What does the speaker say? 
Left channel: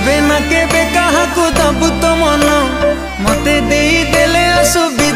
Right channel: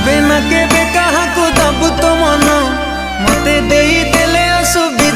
केबे ना केबे कहा को दबु तो मन मते देई देले असुबि